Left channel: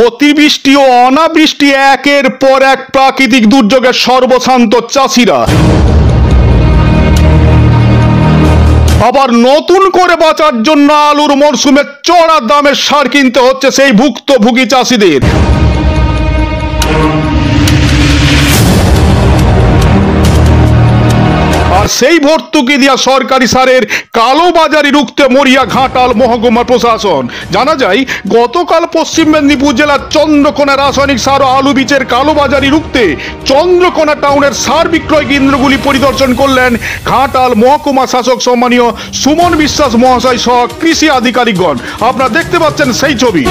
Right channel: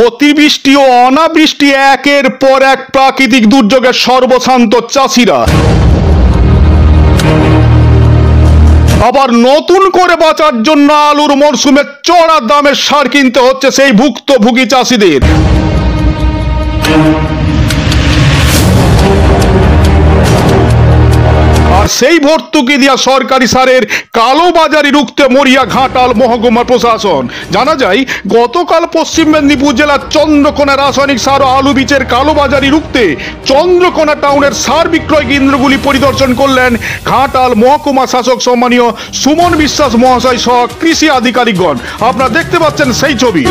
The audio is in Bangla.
অতিবৃষ্টি ও অনাবৃষ্টি একের পর এক প্রাকৃতিক দুর্যোগের সর্বশান্ত চাষিরা আবার নতুন করে বাঁচার জন্য আলুর মরশুমে চড়া দামের সার কিনতে হচ্ছে সেই ভুক্তভোগী চাষিদের। আর সেই ভর্তুকি দিয়া সরকারি সারের কালোবাজারি রুখতে মরিয়া ঘাটাল মহকুমা প্রশাসন। জানা যায়, গতকাল পশ্চিম মেদিনীপুর জেলার চন্দ্রকোনা রাসায়নিক সার ও আলু বীজের কালোবাজারি রুখতে চন্দ্রকোনা টাউনের সার বিক্রয় কেন্দ্রগুলি পরিদর্শন করলেন ঘাটাল মহকুমা শাসক সম্মানীয় সুমন বিশ্বাস মহাশয় সহ কৃষি আধিকারিকগণ। আপনারা দেখতে পাচ্ছেন সেই ছবি।